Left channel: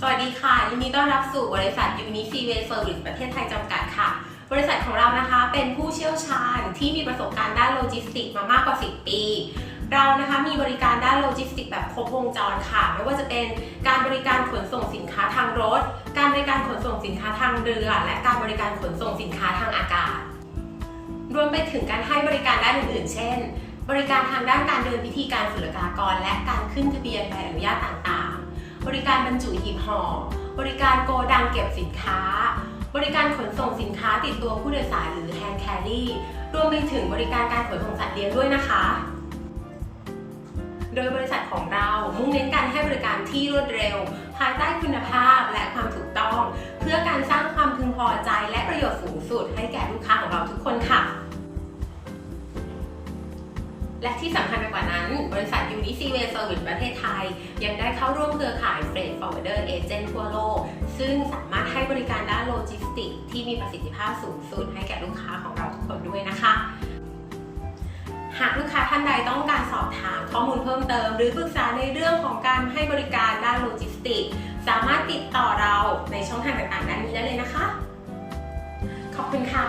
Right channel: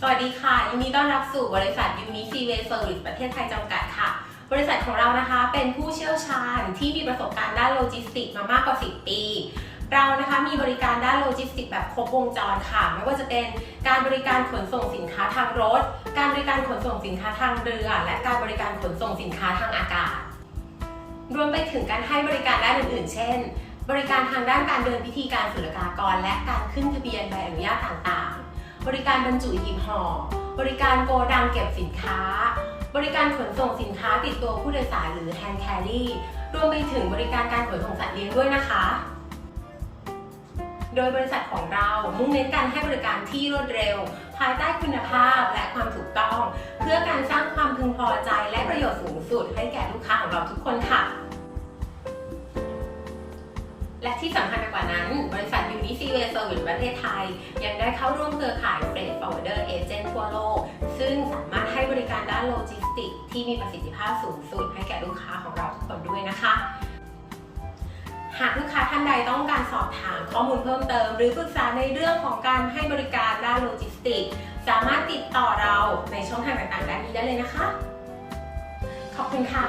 สวัสดีค่ะยินดีต้อนรับสู่บริษัท Unique Seaway Service ประเทศไทยจำกัดค่ะ บริษัทของเรานะคะเป็นผู้เชี่ยวชาญที่มีประสบการณ์ด้านโลจิสติกส์มามากกว่า 10 ปี เรานะคะมีบริการด้านโลจิสติกส์แบบครบวงจรค่ะ ไม่ว่าจะเป็นการบริการขนส่งสินค้าทางรถ การบริการขนส่งสินค้าทางเรือ และการบริการขนส่งสินค้าทางอากาศ รวมไปถึงการให้บริการด้านอื่น ๆ เช่น บริการทางด้านการเดินพิธีการศุลกากร และการขึ้นทะเบียนใบอนุญาตต่างๆ บริการบรรจุหีบห่อ บริการโกดังเก็บสินค้า บริการขนส่งสินค้าติดตัวผู้โดยสารหรือ hand carry รวมไปถึงบริการการขนส่งสัตว์เลี้ยงด้วยนะคะ โดยบริษัทของเรามุ่งเน้นการให้บริการที่รวดเร็ว ภายใต้คุณภาพและความถูกต้อง เพื่อการสร้างความพึงพอใจและประโยชน์สูงสุดให้แก่ลูกค้าของเราทุกคนค่ะ และที่สำคัญไปกว่านั้น บริษัท Unique Seaway Service ประเทศไทย ยังได้เข้าร่วมเครือข่าย Freight Forwarder Agent ทั่วโลก ซึ่งสามารถให้บริการด้านโลจิสติกส์ที่มีประสิทธิภาพสูงสุดให้แก่ลูกค้าของเราทุกคนด้วยนะคะ หากลูกค้าท่านใดต้องการสอบถามข้อมูลเพิ่มเติม หรือปรึกษาในเรื่องของการให้บริการด้านโลจิสติกส์สามารถติดต่อเราในช่องทางต่างๆด้านนี้ได้เลยนะคะ ขอบคุณค่ะ